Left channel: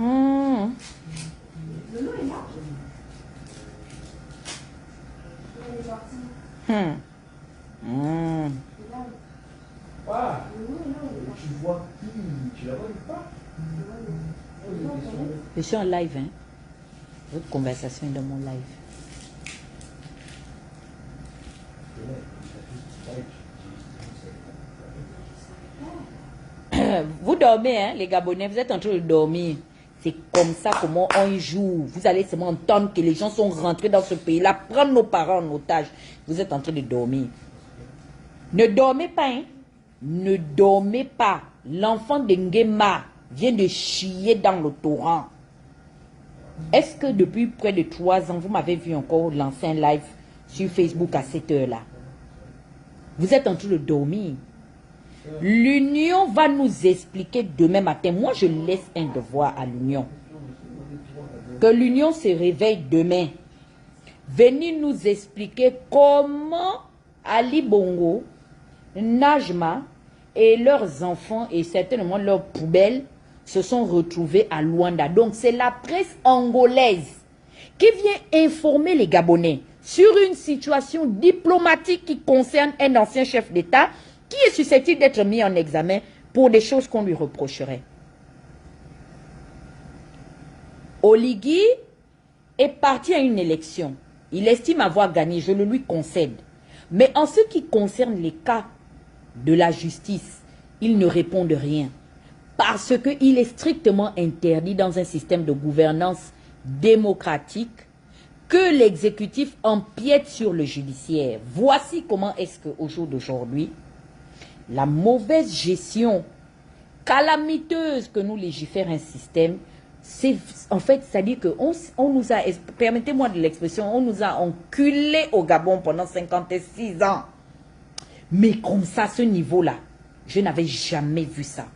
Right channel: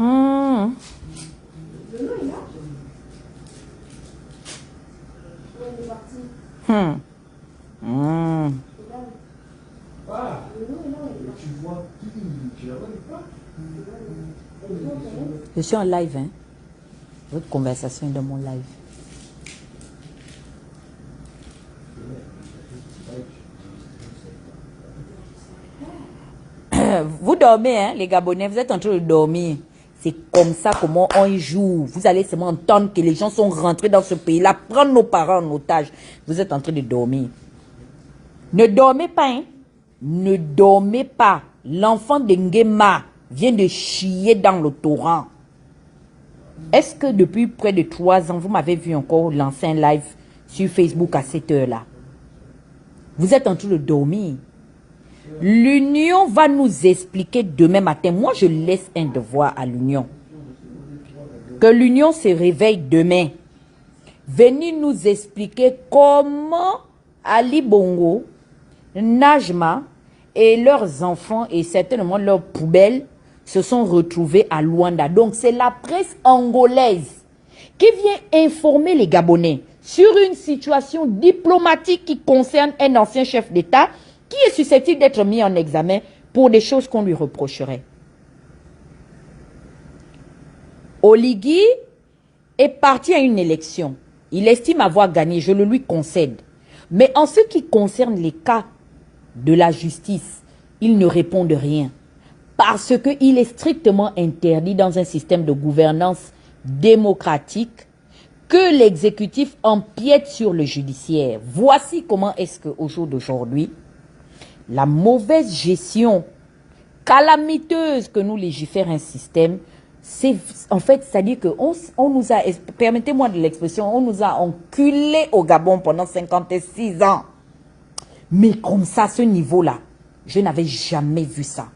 Hmm. Hmm. Hmm. Ah, tu vois qui? Tu la vois pas? Je suis en live, hein. Votre conversation est dans mon live. Vous dormez, hein, les Gabonais, vous êtes en train de dormir. C'est comme ça comment on joue. Vous allez seulement entendre que les gens sont rentrés dans ce pays-là, prendre nos parents en otage. Vous êtes en train de dormir. Ne dormez pas, hein. Ne dormez pas. L'enfant de Nguema vient de chier dans le torrent. Est-ce que depuis près de 3 ans, vous m'avez vu encore lancer un live sur Facebook à cette heure-là? Vous êtes en train de dormir. L'Union va nous expliquer demain matin. Moi, je laisse un devoir à l'Union. Que l'Union se réveille demain. Venir nous expliquer comment Ali Bongo, Najma et leurs enfants et certainement leurs poubelles se sont retrouvés à Luanda. Donc, c'est la presse angolaise qui vient informer les Gabonais sur une situation diplomatique qui concerne un ancien chef d'État qui est susceptible d'être mis en examen pour des choses qu'on lui reprocherait. Oligui est parti à une élection. Il estime avoir gagné, je le lui concède. Mais en ce qui concerne les cas de la justice, il ne répond de rien. Parce qu'il est strictement interdit dans un système de gouvernance démocratique que l'exécutif empiète sur le judiciaire. Voici comment est-ce qu'au jour d'aujourd'hui, la mauvaise gestion calamiteuse que nous légifère un système, c'est en fait, c'est-à-dire qu'on nous a, permettez-moi de l'expression, on nous a enculés au Gabon pendant 56 ans. Mais comme ça, ce niveau-là, je n'avais jamais vu ça.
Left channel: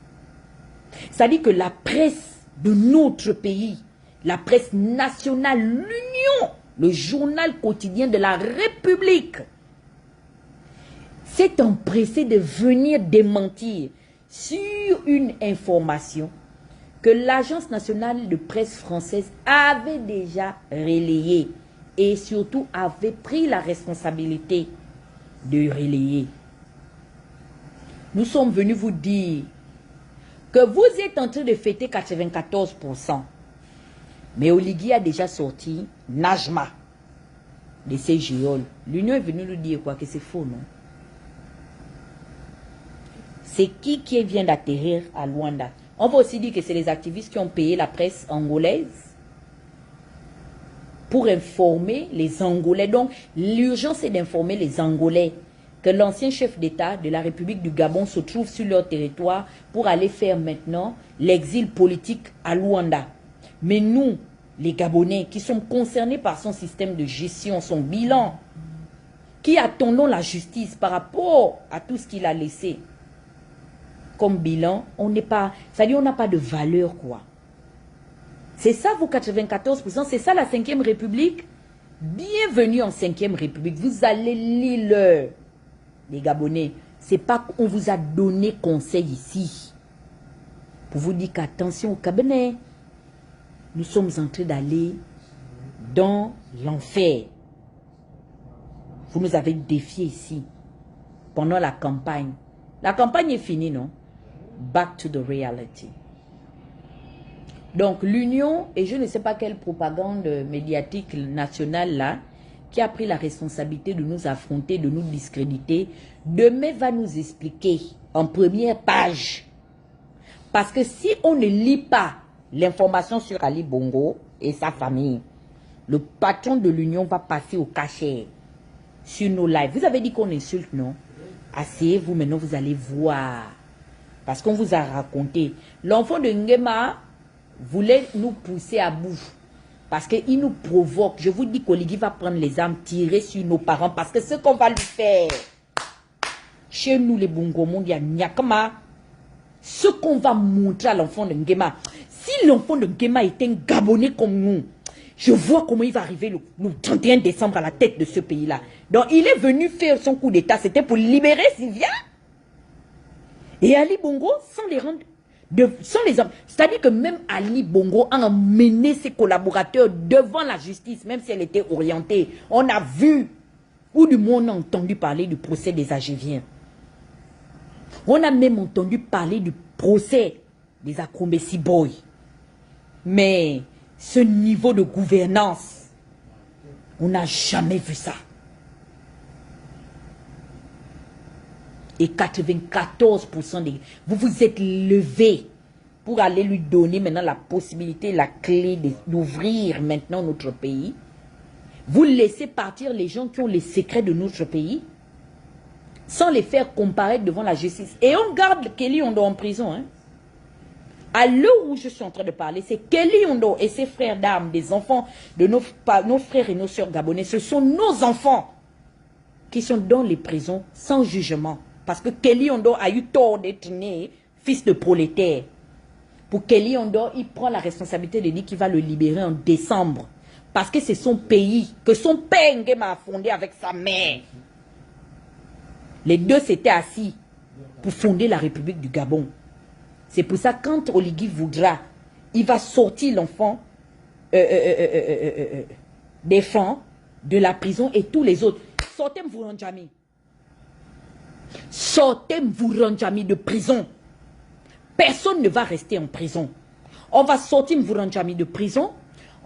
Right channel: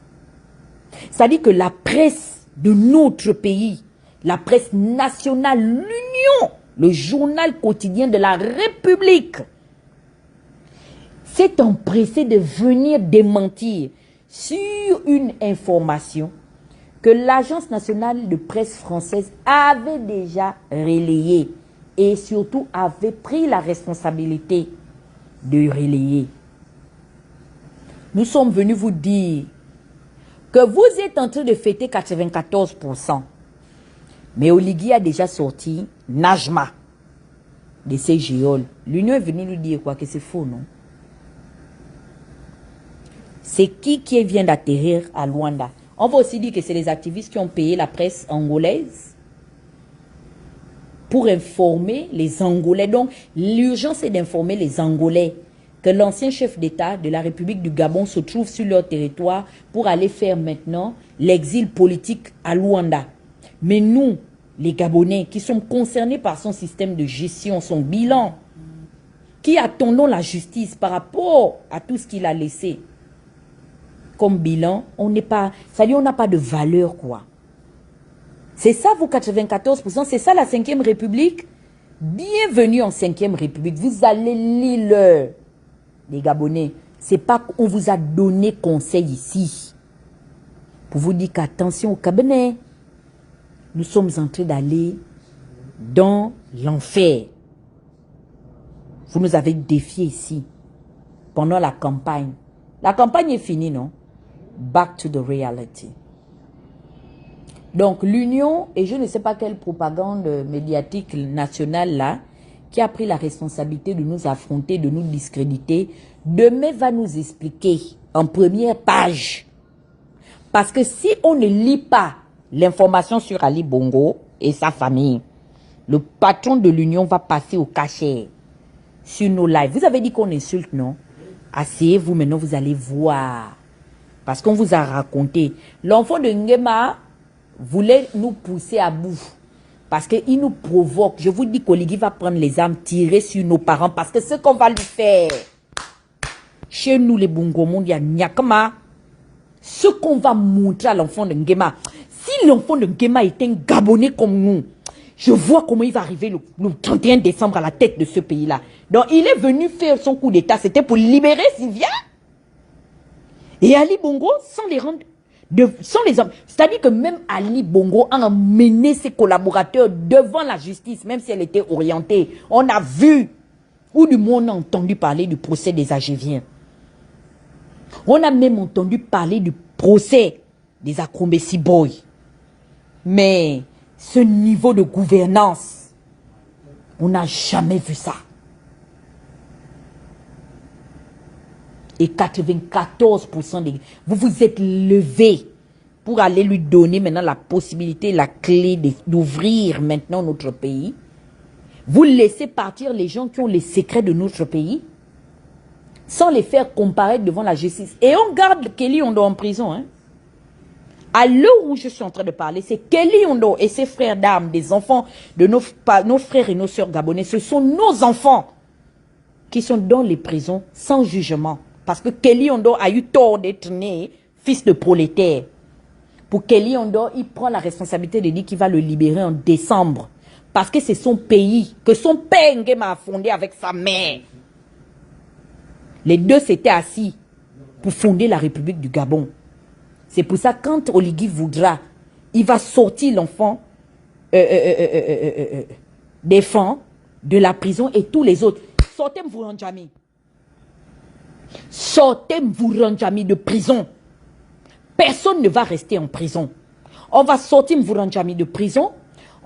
C'est-à-dire que la presse de notre pays, la presse nationale, l'Union, le journal quotidien de la République, s'est empressé de venir démentir sur une information que l'Agence nationale de presse française avait déjà relayée et surtout avait pris la responsabilité de relayer. Nous sommes venus vous dire que vous êtes en train de fêter 94%. Mais Oligui a déjà sorti Najma de ses géoles. L'Union est venue nous dire quoi? Que c'est faux, non? C'est qui vient d'atterrir à Luanda? On va aussi dire que c'est les activistes qui ont payé la presse angolaise pour informer les Angolais. Donc, l'urgence est d'informer les Angolais que l'ancien chef d'État de la République du Gabon se trouve sur leur territoire pour aller faire maintenant l'exil politique à Luanda. Mais nous, les Gabonais, qui sommes concernés par son système de gestion, son bilan, qui attendons la justice par rapport à tout ce qu'il a laissé comme bilan, on n'est pas, c'est-à-dire on n'a pas de valeur, quoi. C'est ça, vos 94%, c'est ça la 5e République. Bienvenue en 5e République. Vous allez lire les Gabonais. C'est pas qu'on vous a donné conseil ici pour vous dire qu'attention au cabinet. Nous sommes en train d'aller dans l'enfer. Vous nous avez défié ici pendant la campagne. La campagne est finie, non? Back to the reality. Donc l'Union, et je ne sais pas quelle propagande médiatique nationale là, qui a pris la responsabilité de nous affronter, de nous discréditer, demain va nous expliquer en première page. Parce que si on ne lit pas l'information sur Ali Bongo et sa famille, le patron de l'Union va passer au cachet sur nos lives. Vous avez dit qu'on insulte, non? Asseyez-vous, maintenant vous allez voir. Parce qu'on vous a raconté. L'enfant de Nguema voulait nous pousser à bout. Parce qu'il nous provoque. Je vous dis qu'Oligui va prendre les armes, tirer sur nos parents. Parce que ce qu'on va lui faire, chez nous les Bongomon, il y a Nyakama. Ce qu'on va montrer à l'enfant de Nguema. Si l'enfant de Nguema est un Gabonais comme nous, je vois comment il va arriver le 31 décembre à la tête de ce pays-là. Donc il est venu faire son coup d'état. C'était pour libérer Sylvia. Et Ali Bongo, sans les rendre, C'est-à-dire que même Ali Bongo a emmené ses collaborateurs devant la justice, même si elle était orientée. On a vu, ou du moins on a entendu parler du procès des Agéviens. On a même entendu parler du procès des Akrombesi Boys. Mais ce niveau de gouvernance, on n'a jamais vu ça. Et 94% des... Vous vous êtes levés pour aller lui donner maintenant la possibilité, la clé d'ouvrir maintenant notre pays. Vous laissez partir les gens qui ont les secrets de notre pays sans les faire comparaître devant la justice. Et on garde Kelly Yondo en prison. Hein. À l'heure où je suis en train de parler, c'est Kelly Yondo et ses frères d'armes, des enfants de nos frères et nos sœurs gabonais. Ce sont nos enfants qui sont dans les prisons sans jugement. Parce que Kelly Yondo a eu tort d'être né fils de prolétaire. Pour Kelly Yondo, il prend la responsabilité de dire qu'il va le libérer en décembre. Parce que c'est son pays, que son père Nguema a fondé avec sa mère. Les deux s'étaient assis pour fonder la République du Gabon. C'est pour ça quand Oligui voudra, il va sortir l'enfant des fonds de la prison et tous les autres. Sortez Mvouranjami. Sortez Mvouranjami de prison. Personne ne va rester en prison. On va sortir Mvouranjami de prison.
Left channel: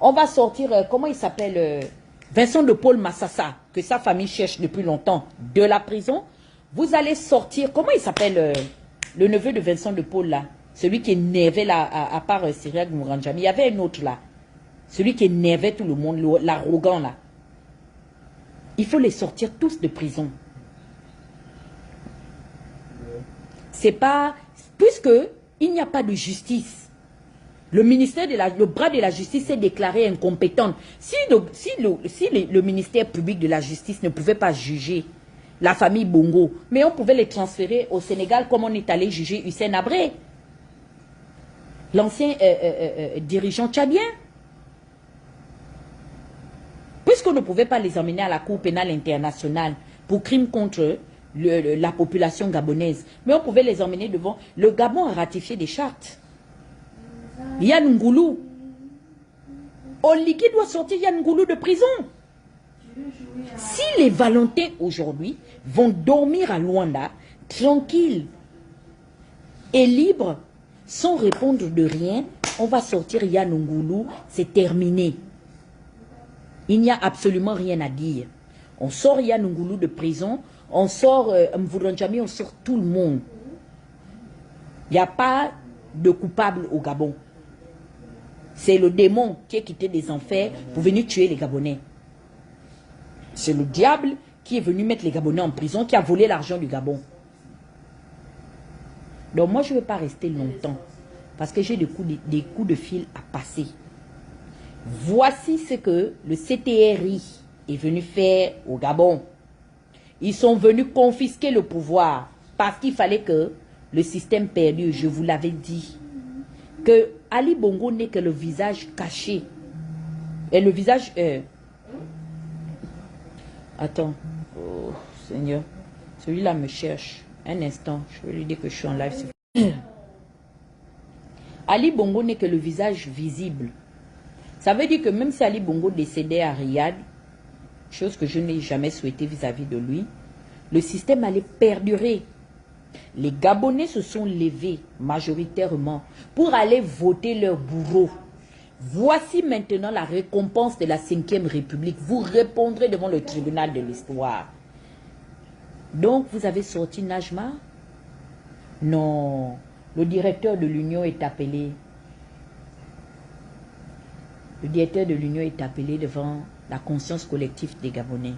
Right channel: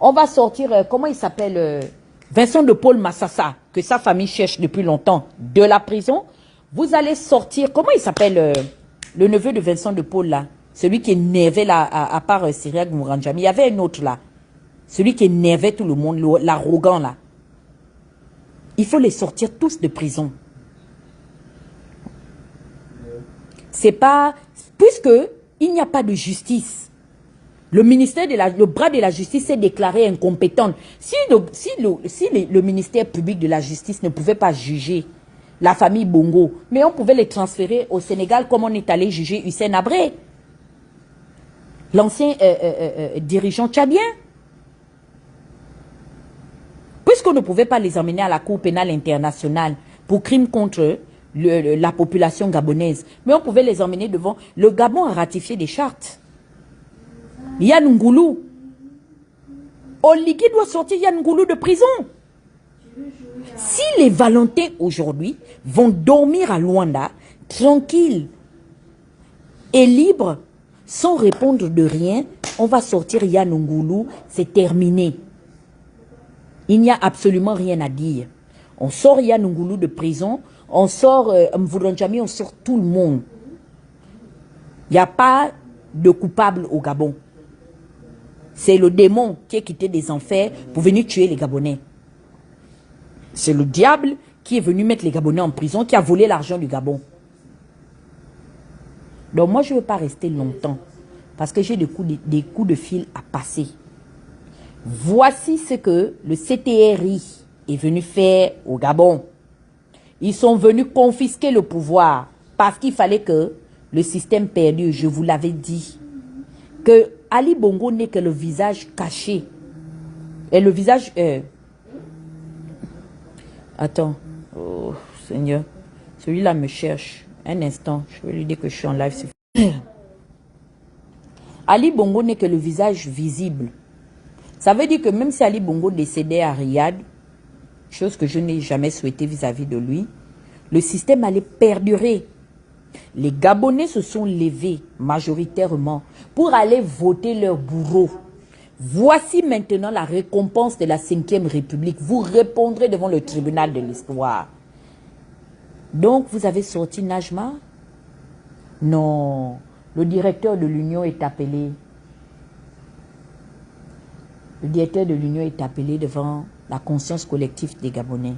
On va sortir, comment il s'appelle, Vincent de Paul Massassa, que sa famille cherche depuis longtemps, de la prison. Vous allez sortir, comment il s'appelle, le neveu de Vincent de Paul là, celui qui énervait là, à part Syriac Mouranjami. Il y avait un autre là, celui qui énervait tout le monde, l'arrogant là. Il faut les sortir tous de prison. C'est pas, puisque il n'y a pas de justice. Le ministère le bras de la justice s'est déclaré incompétent. Si le ministère public de la justice ne pouvait pas juger la famille Bongo, mais on pouvait les transférer au Sénégal comme on est allé juger Hussein Abré, l'ancien dirigeant tchadien. Puisqu'on ne pouvait pas les emmener à la Cour pénale internationale pour crimes contre la population gabonaise, mais on pouvait les emmener devant. Le Gabon a ratifié des chartes. Yann Ngoulou. Oligui doit sortir Yann Ngoulou de prison. Si les Valentins aujourd'hui vont dormir à Luanda, tranquilles et libres, sans répondre de rien, on va sortir Yann Ngoulou, c'est terminé. Il n'y a absolument rien à dire. On sort Yann Ngoulou de prison, on sort Mvouranjami, on sort tout le monde. Il n'y a pas de coupable au Gabon. C'est le démon qui est quitté des enfers pour venir tuer les Gabonais. C'est le diable qui est venu mettre les Gabonais en prison, qui a volé l'argent du Gabon. Donc moi, je ne veux pas rester longtemps parce que j'ai des coups de fil à passer. Voici ce que le CTRI est venu faire au Gabon. Ils sont venus confisquer le pouvoir parce qu'il fallait que le système perdure, je vous l'avais dit, que Ali Bongo n'est que le visage caché. Et le visage... Attends. Oh, Seigneur. Celui-là me cherche. Un instant. Je vais lui dire que je suis en live. Ali Bongo n'est que le visage visible. Ça veut dire que même si Ali Bongo décédait à Riyad, chose que je n'ai jamais souhaité vis-à-vis de lui, le système allait perdurer. Les Gabonais se sont levés majoritairement pour aller voter leur bourreau. Voici maintenant la récompense de la 5e République. Vous répondrez devant le tribunal de l'histoire. Donc, vous avez sorti Najma? Non. Le directeur de l'Union est appelé. Le directeur de l'Union est appelé devant la conscience collective des Gabonais.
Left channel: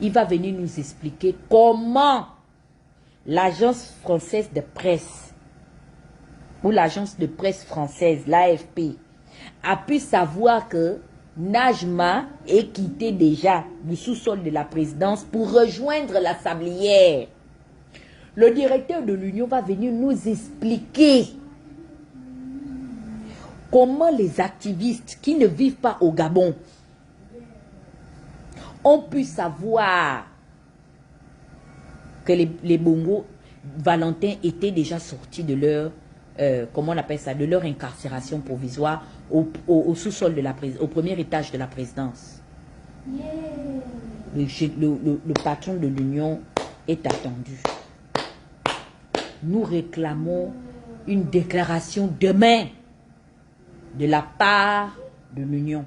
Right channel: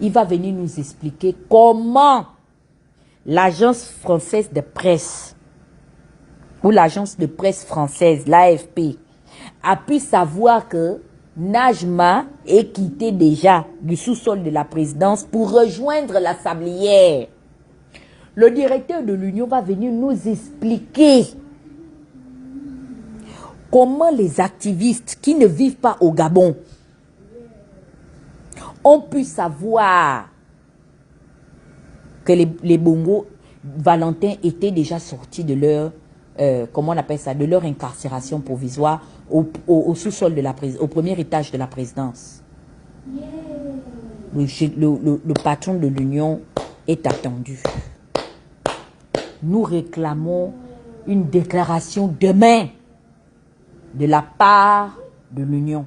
Il va venir nous expliquer comment l'agence française de presse ou l'agence de presse française, l'AFP, a pu savoir que Najma est quitté déjà du sous-sol de la présidence pour rejoindre la sablière. Le directeur de l'Union va venir nous expliquer comment les activistes qui ne vivent pas au Gabon ont pu savoir que les Bongo Valentins étaient déjà sortis de leur comment on appelle ça, de leur incarcération provisoire au sous-sol de la présidence, au premier étage de la présidence. Le patron de l'Union est attendu. Nous réclamons une déclaration demain de la part de l'Union.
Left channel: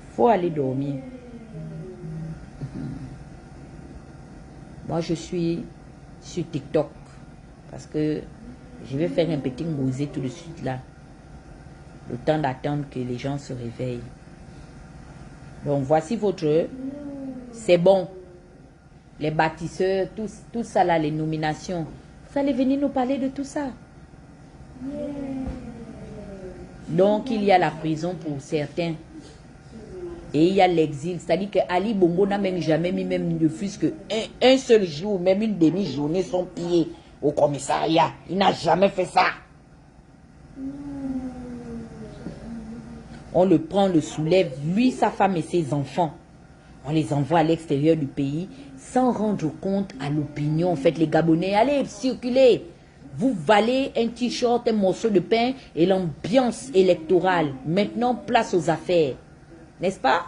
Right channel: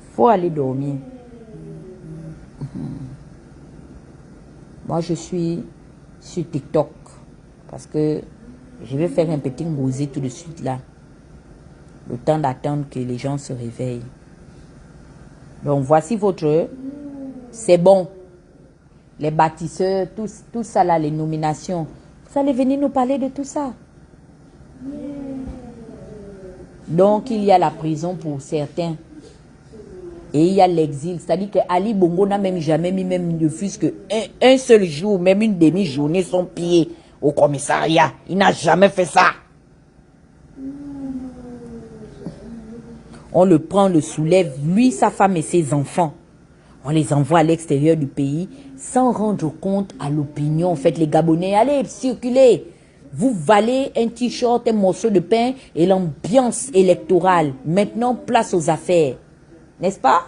Il faut aller dormir. Moi, je suis sur TikTok parce que je vais faire un petit ngosé tout de suite là. Le temps d'attendre que les gens se réveillent. Donc, voici votre... C'est bon. Les bâtisseurs, tout ça là, les nominations. Vous allez venir nous parler de tout ça. Donc, il y a la prison pour certains. Et il y a l'exil. C'est-à-dire que Ali Bongo n'a même jamais mis même ne fût-ce qu'un seul jour, même une demi-journée, son pied au commissariat. Il n'a jamais fait ça. On le prend, on le soulève, lui, sa femme et ses enfants. On les envoie à l'extérieur du pays sans rendre compte à l'opinion. En fait, les Gabonais, allez, circulez. Vous valez un t-shirt, un morceau de pain et l'ambiance électorale. Maintenant, place aux affaires. N'est-ce pas?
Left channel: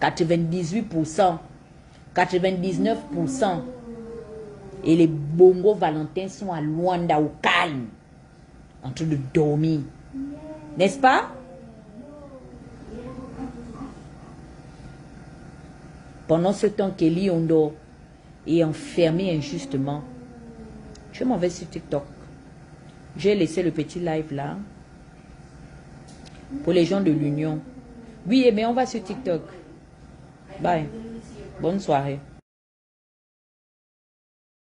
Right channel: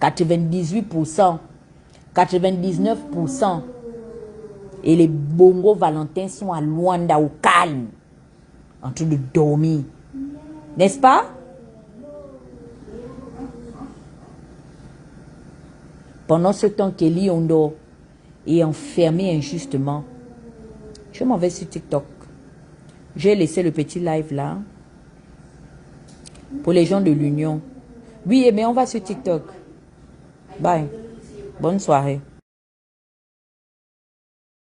98%, 99%. Et les Bongo Valentins sont à Luanda, au calme, en train de dormir. N'est-ce pas? Pendant ce temps qu'Eli Ondo est enfermé injustement, je m'en vais sur TikTok. J'ai laissé le petit live là pour les gens de l'Union. Oui, mais on va sur TikTok. Bye. Bonne soirée.